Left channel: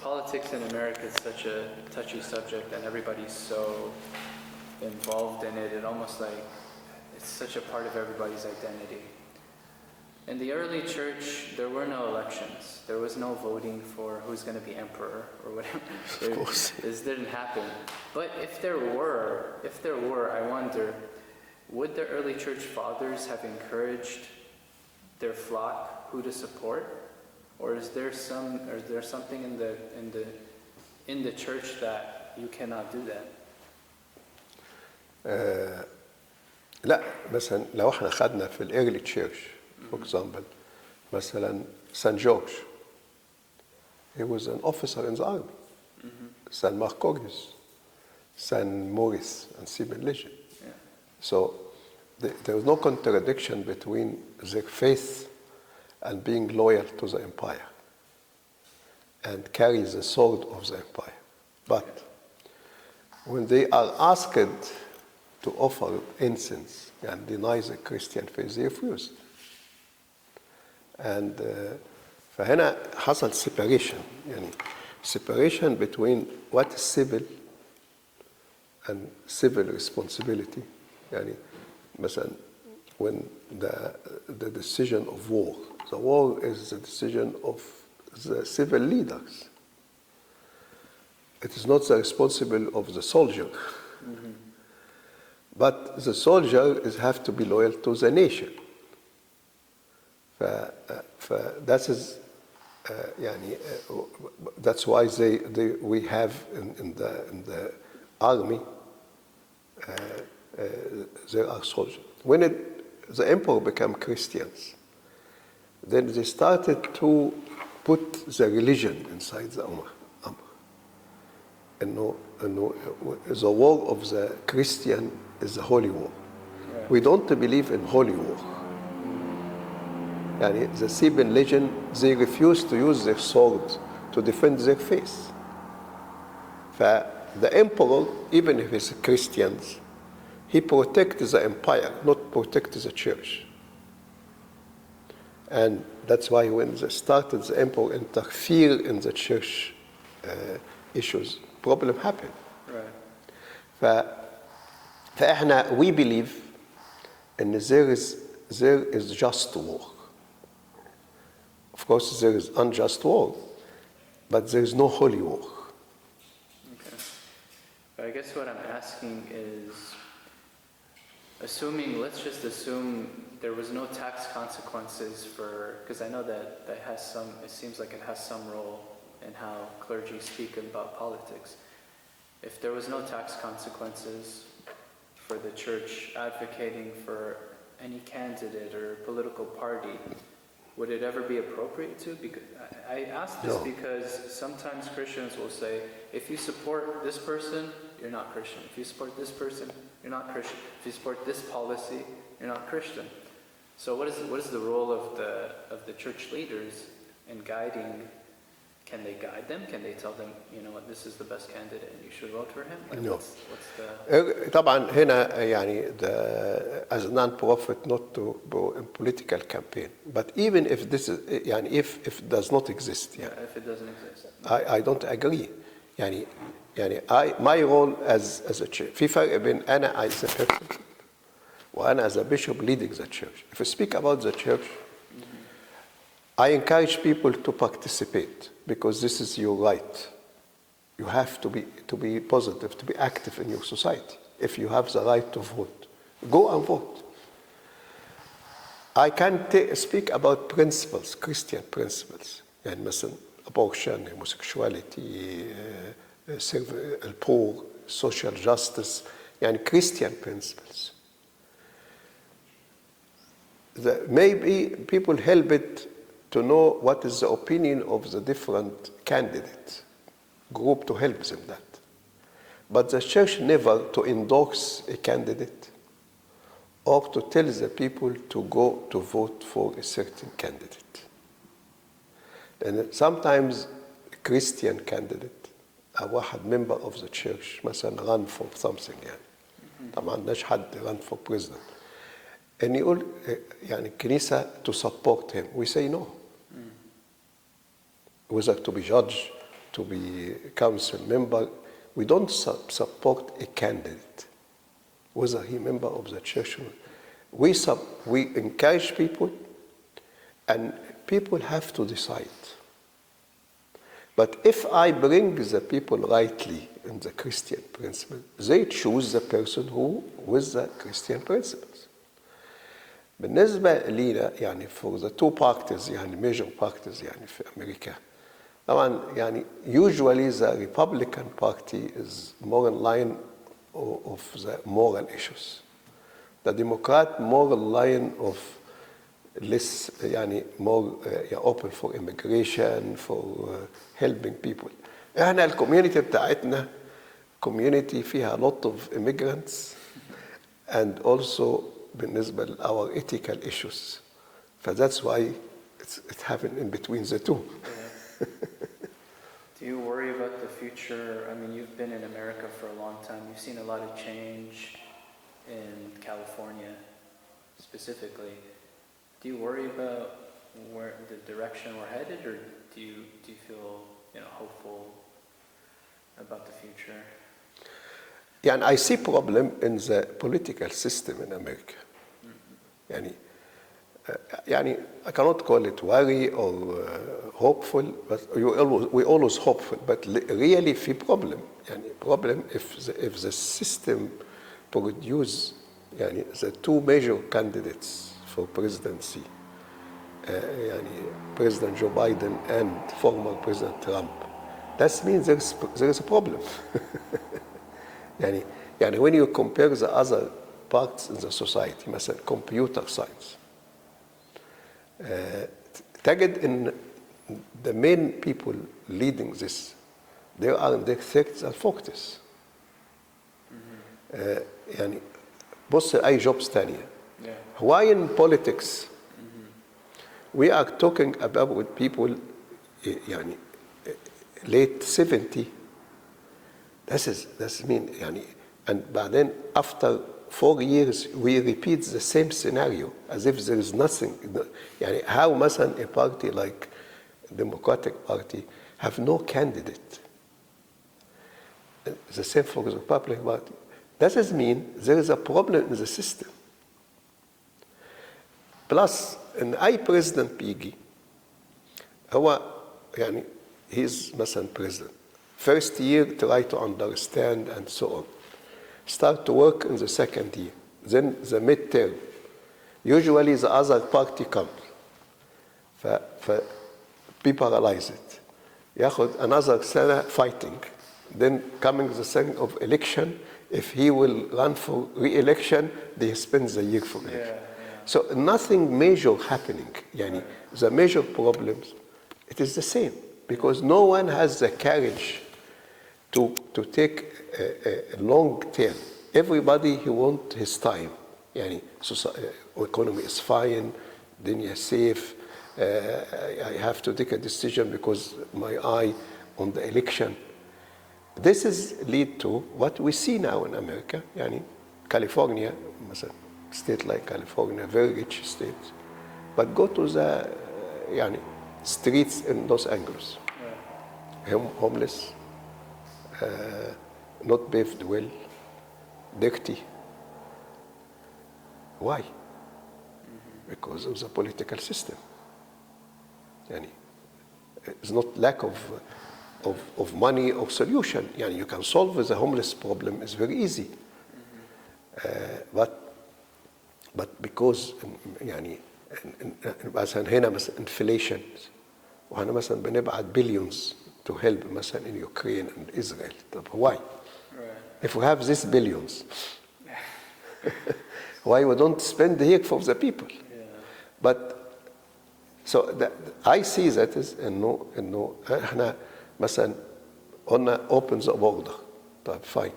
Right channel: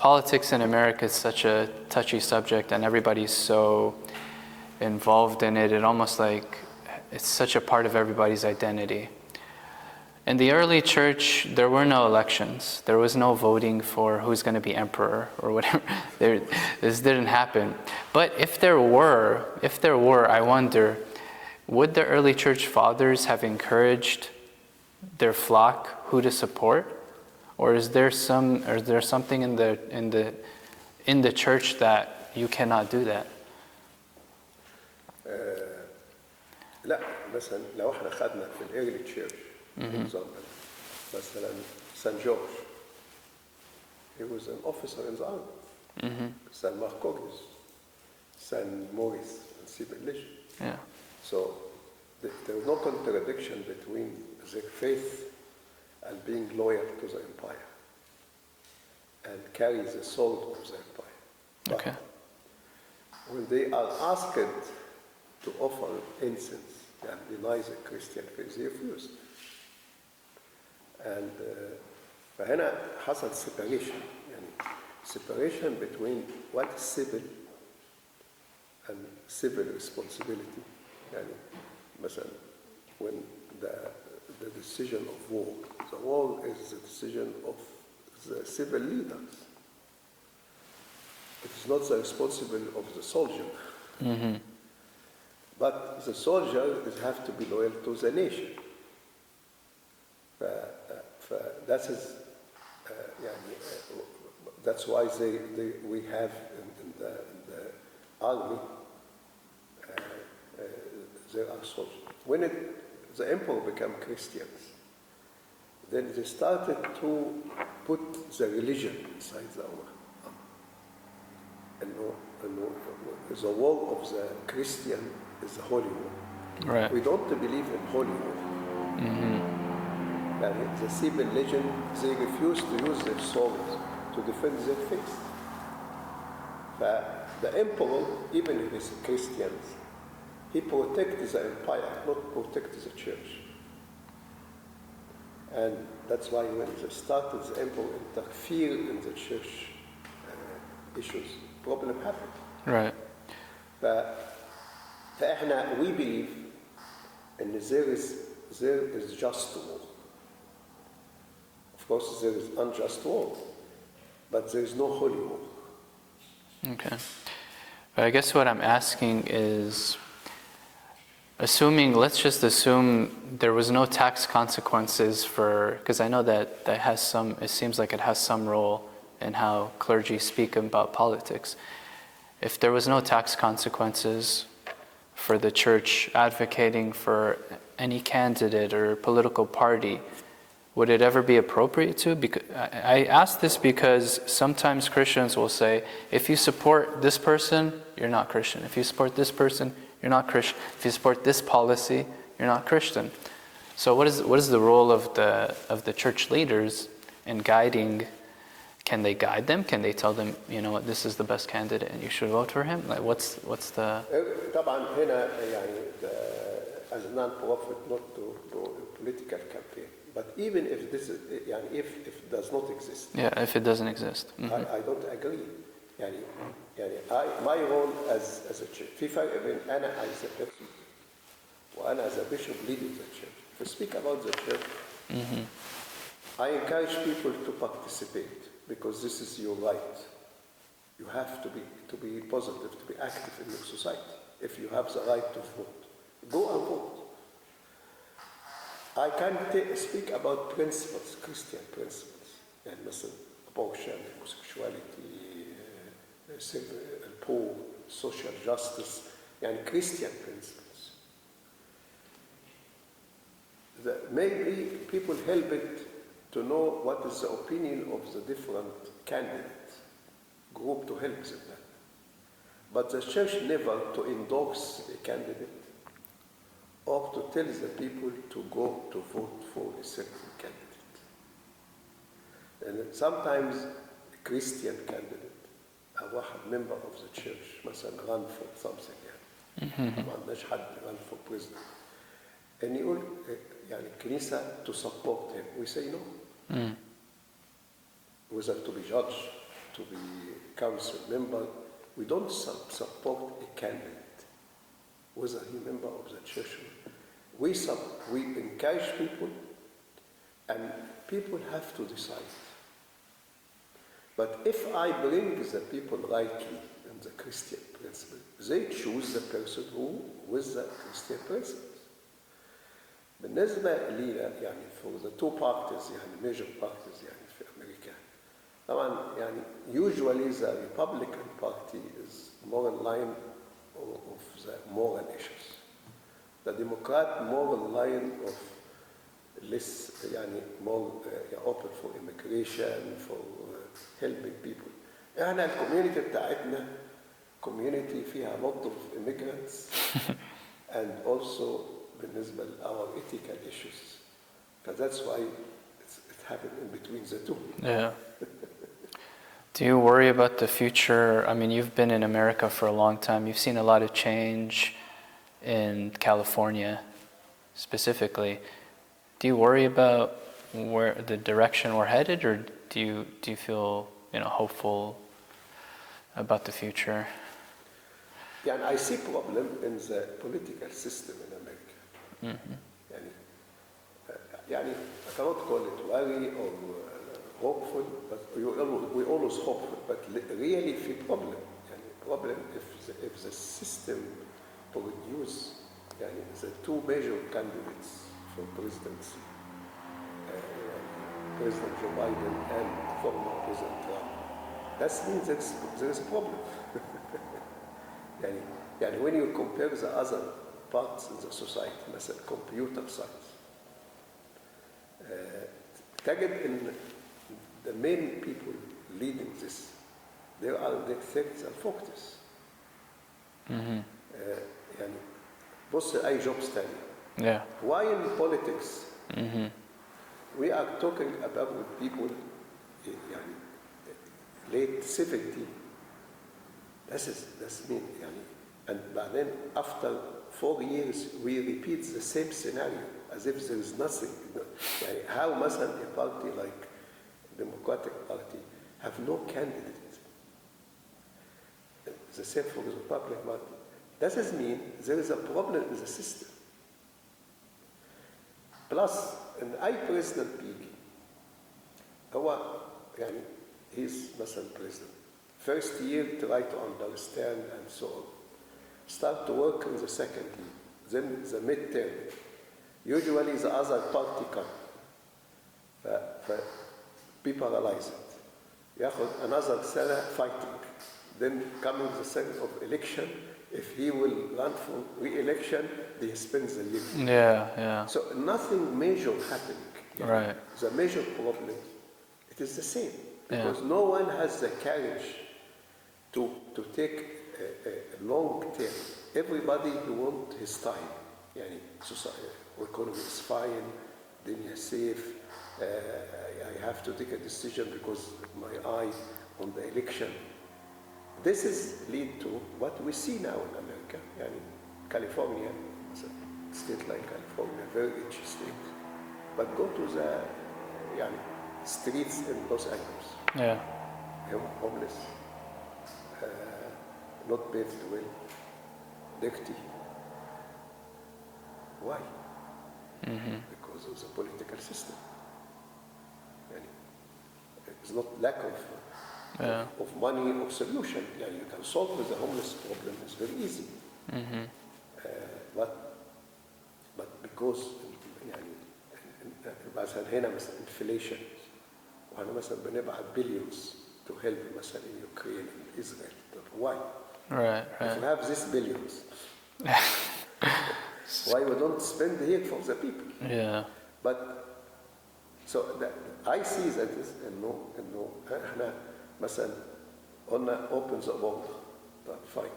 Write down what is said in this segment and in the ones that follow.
politics in America is such a touchy subject, and everybody's so involved in it. It almost like it's such a part of everybody's identity. In the early church, there were no elections. There was no voting for who's going to be emperor or whatever. This didn't happen. But if there were, I wonder, would the early church fathers have encouraged their flock who to support? Or is there something in the church that you cannot do that? لا مثلا لو احنا خدنا في الايرلي تشيرش for example مثلا St. George, he was an officer in the army. St. Marcorius, St. Maurice, and Sibyl Legion. Yeah. So there was no contradiction between their faith and being loyal to the empire and carry the sword of the empire. But when they are asked to offer incense and deny the Christian faith, they refused. And فهنا حصل separation, separation between what is civil and civil responsibility. مثلا when the decision of war, the war is the decision of the civil leaders. It is not the responsibility of the soldier. But the soldier have to be loyal to the nation. That is, that's why we have in the army there are soldiers. When the emperor became Christians, then they started to put the religion inside the Ummah. And the war of the Christian is the holy war. Right. We don't believe in holy war. The Theban legend, they refuse to use their swords to defend their faith. The emperor, even if he's Christians, he protects the empire, not protects the church. And that's why when they started, the emperor interfered in the church issues, problem happened. Right. فإحنا we believe in there is just war. Of course, there is unjust war, but there is no holy war. Okay. But I guess what I'm asking is, let's just assume there was no tax consequences because I know that it seems like it has some role in how clergy speak about politics. If there was no tax consequences for the church advocating for any candidate or political party, would it ever be appropriate to? Because I ask this because sometimes Christians will say, if you support this person, you're not Christian. If you support this person, you're not Christian. If you support this policy, you're not Christian. So what is the role of the church leaders in guiding? Can they guide them? Can they tell them, what, this is the best candidate and you should vote for him? Like, what's the... طبعا هنا as a non-profit, not to go in political campaign. But even if this is, if it does not exist. Yeah, if it doesn't exist. I don't agree. my role as a church. في فرق بين أنا as a person وأنا as a bishop leading the church. If we speak about the church, I encourage people to participate because this is your right. You have to be positive, to be active in your society. If you have the right to vote, go and vote. I can speak about principles, Christian principles. يعني مثلا abortion, homosexuality, serve the poor, social justice, يعني Christian principles. Maybe people help it to know what is the opinion of the different candidate group to help them that. But the church never to endorse a candidate or to tell the people to go to vote for a certain candidate. And sometimes a Christian candidate, a واحد member of the church مثلا run for something يعني. طبعا مش حد run for president. And يقول يعني الكنيسة to support him. We say no. Whether to be judged to be council member, we don't support a candidate, whether he member of the church or not. We encourage people, and people have to decide. But if I bring the people rightly in the Christian principle, they choose the person who with the Christian principles. بالنسبة لينا يعني for the two parties يعني major parties يعني في أمريكا طبعا يعني usually the Republican Party is more in line of the moral issues. The Democrat more in line of less يعني more open for immigration, for helping people. احنا الكوميونتي بتاعتنا community فيها lot of immigrants and also بالنسبة ل our ethical issues. That's why it happened in between the two. Yeah. Do you worry about the future? I mean, you've been in America for a long time. You've seen a lot of change in California specifically. Do you worry about where the direction we're headed, or do you feel hopeful about the future? يعني I see problem in the political system in America. يعني I cannot call it worry or hopeful, but we always hopeful. But really في problem. يعني problem if the system produce يعني the two major candidates for presidency, يعني President Joe Biden and former President Trump. That means there is a problem. يعني when you compare the other parts in the society, مثلا computer science, تجد إن the main people leading this, they are in their 30s and 40s. يعني بص أي jobs تانية. Yeah. Why in politics? We are talking about with people يعني late 70. That's mean يعني and بعدين after 4 years we repeat the same scenario as if there is nothing. يعني how مثلا a party like Democratic Party have no candidate. The same for the Republican Party. That does mean there is a problem in the system. Plus ان اي president بيجي هو يعني he's مثلا president. First year try to understand and so on. Start to work in the second year. Then the midterm. Usually the other party comes. Paralyze it. ياخد another سنة fighting. Then coming the second of election, if he will run for re-election, they spend the year for it. Yeah. So nothing major happening. Right. The major problems, it is the same. Because no one has the courage to take a long term. Everybody he wants his time. يعني economy is fine, dunya safe. I have to take a decision because my eye on the election. This is lead to what we see now in America. يعني California, مثلا state like California, very rich state, but go to the يعني streets in Los Angeles. Yeah. Homeless, not paved well, dirty. Why? Because of the political system. يعني it's not lack of money or solution. يعني you can solve the homeless problem. It's very easy. But because يعني مثلا هنا مثلا inflation وهنا مثلا بنبعت billions to help مثلا in Ukraine and Israel. طب why? Right. If we have these billions, why we don't spend here for the people? Yeah. But so I see that is إنه إحنا مثلا قلنا open the border. طيب fine.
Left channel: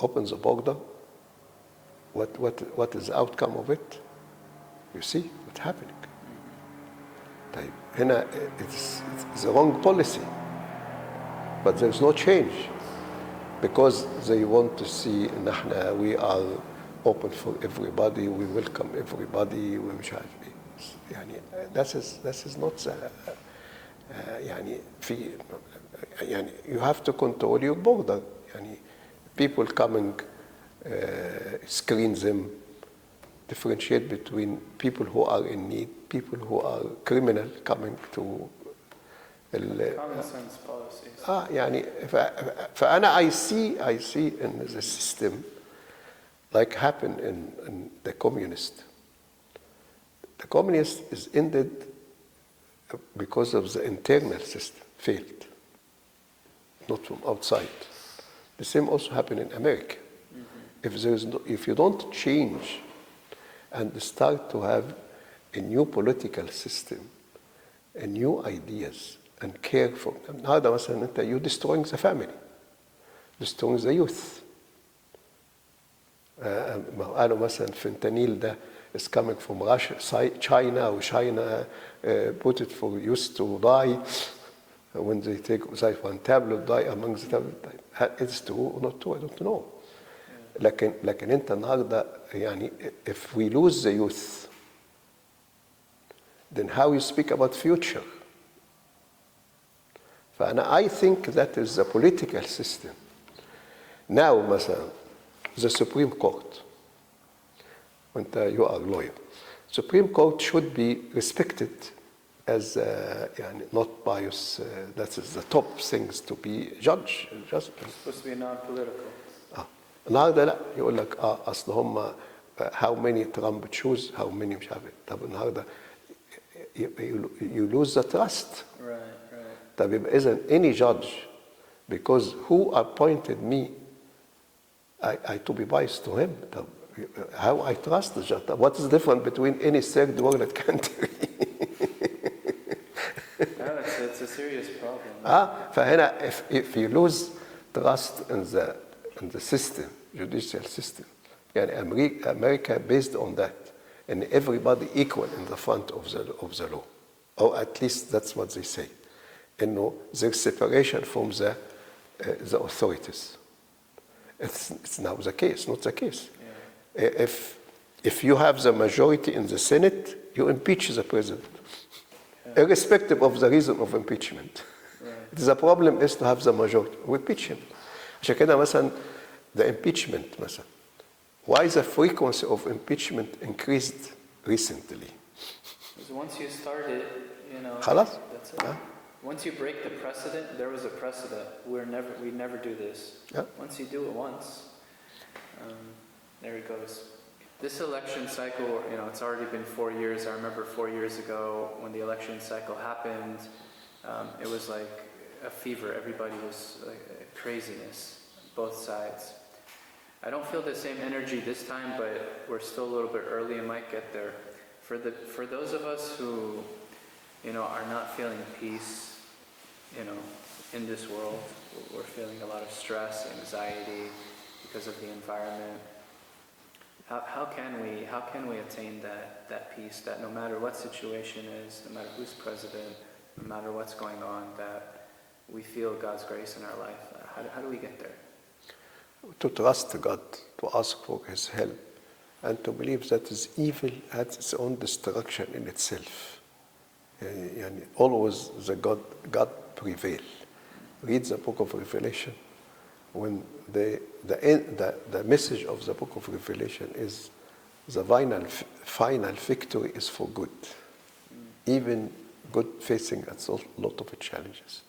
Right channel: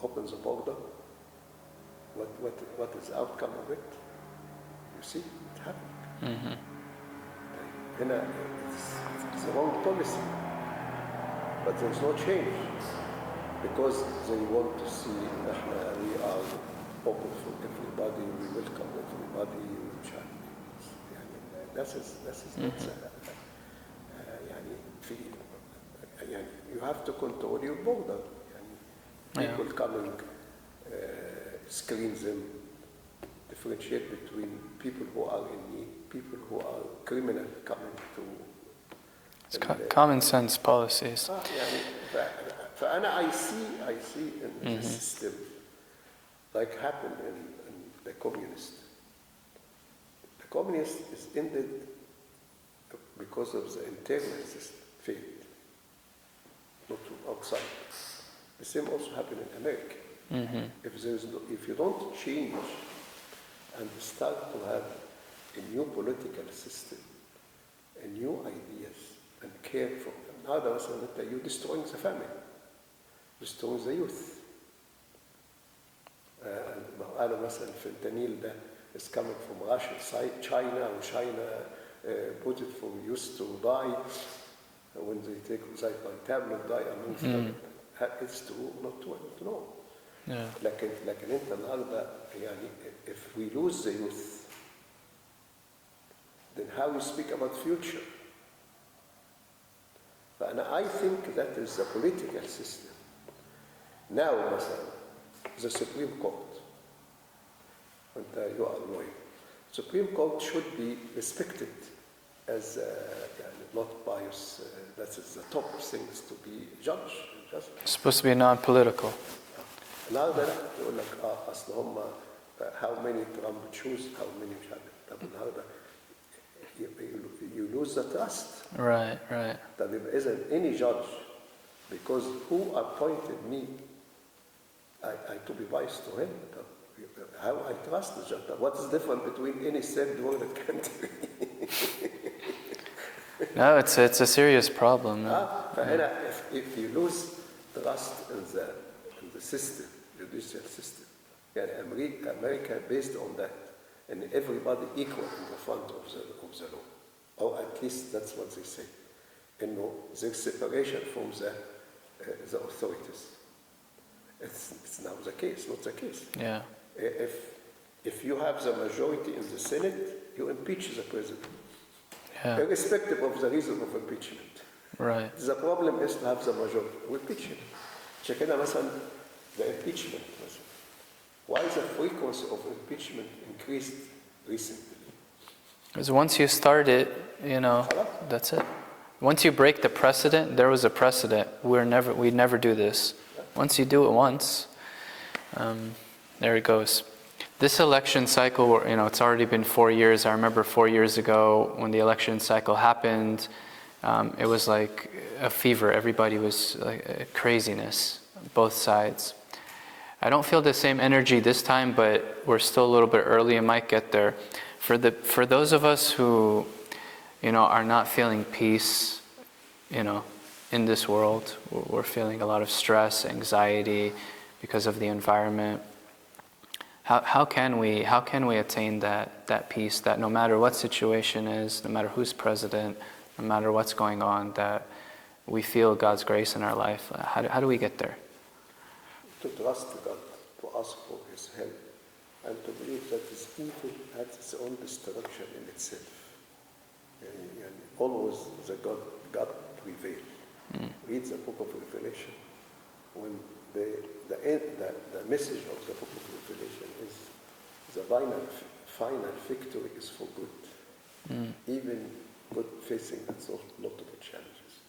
Open the border. What is the outcome of it? You see what's happening. طيب هنا it's the wrong policy. But there's no change because they want to see نحن we are open for everybody, we welcome everybody, ومش عارف ايه. يعني that is not the في يعني you have to control your border. يعني people coming, screen them, differentiate between people who are in need, people who are criminal coming to common sense policies. يعني فأنا I see in the system like happened in the communist. The communist is ended because of the internal system failed, not from outside. The same also happened in America. If you don't change and start to have a new political system, a new ideas, and care for them. هذا مثلا انت you destroying the family, destroying the youth. قالوا مثلا fentanyl ده is coming from Russia, China, or China put it for youth to die when they take one tablet die amongst them. It's true or not true? I don't know. لكن انت النهارده يعني if we lose the youth, then how you speak about future? I think that is the political system. Now مثلا the Supreme Court, you are a lawyer, Supreme Court should be respected as not biased. That is the top things to be judge. Just It's supposed to be non-political. النهارده لا يقول لك اصل هم how many Trump choose, how many مش عارف. طب النهارده you lose the trust. Right. طب يبقى إذن any judge, because who appointed me, I to be biased to him. طب how I trust the judge? What is different between any third world country? No, it's a serious problem. فهنا if you lose trust in the system, judicial system, يعني America based on that, and everybody equal in the front of the law, or at least that's what they say. إنه there's separation from the authorities. It's now the case, not the case. Yeah. If you have the majority in the Senate, you impeach the president, irrespective of the reason of impeachment. Right. The problem is to have the majority. We impeach him. عشان كده مثلا the impeachment مثلا. Why the frequency of impeachment increased recently? Because once you start it, خلاص. that's it. Once you break the precedent, there was a precedent. We never do this. Yeah. Once you do it once, there it goes. This election cycle, it's already been 4 years. I remember 4 years ago when the election cycle happened, it was like a fever. Everybody was like craziness, both sides. I don't feel the same energy this time, but we're still a little bit early and might get there. For those of us who, are not feeling peace, in this world, we're feeling a lot of stress, anxiety because of the environment. How can we attain that peace, that no matter what situation is, no matter who's president, no matter what's going on, that we feel God's grace in our life? How do we get there? To trust God, to ask for His help, and to believe that this evil has its own destruction in itself. Always God prevail. Read the book of Revelation. When the message of the book of Revelation is the final victory is for good. Even good facing a lot of challenges.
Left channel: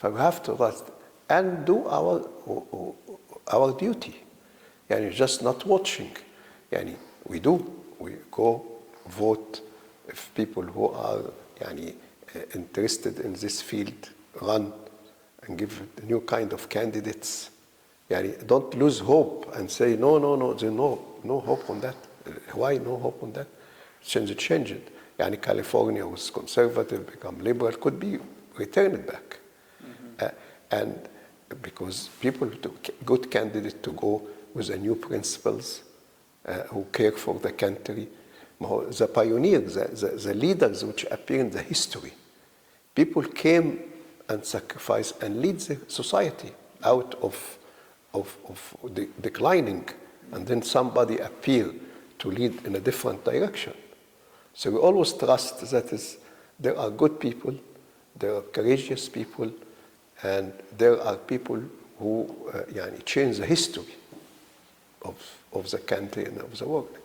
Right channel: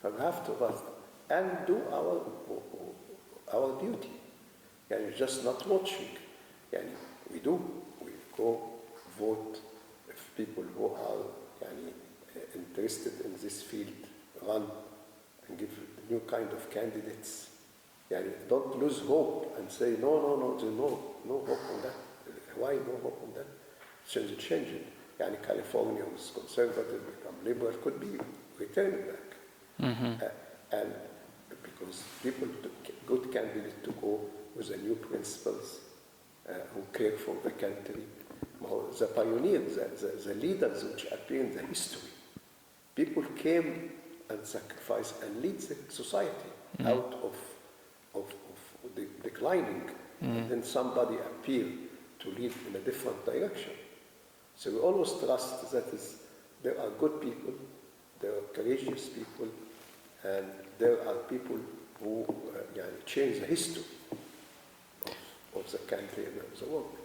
So we have to trust and do our duty. Just not watching. We go vote. If people who are interested in this field run and give new kind of candidates. Don't lose hope and say no, there's no hope on that. Why no hope on that? Change it. California was conservative, become liberal, could be returned back. And because people took good candidates to go with the new principles who care for the country. The pioneers, the leaders which appear in the history, people came and sacrificed and lead the society out of declining, and then somebody appeared to lead in a different direction. So we always trust that there are good people there are courageous people, and there are people who change the history of the country and of the world.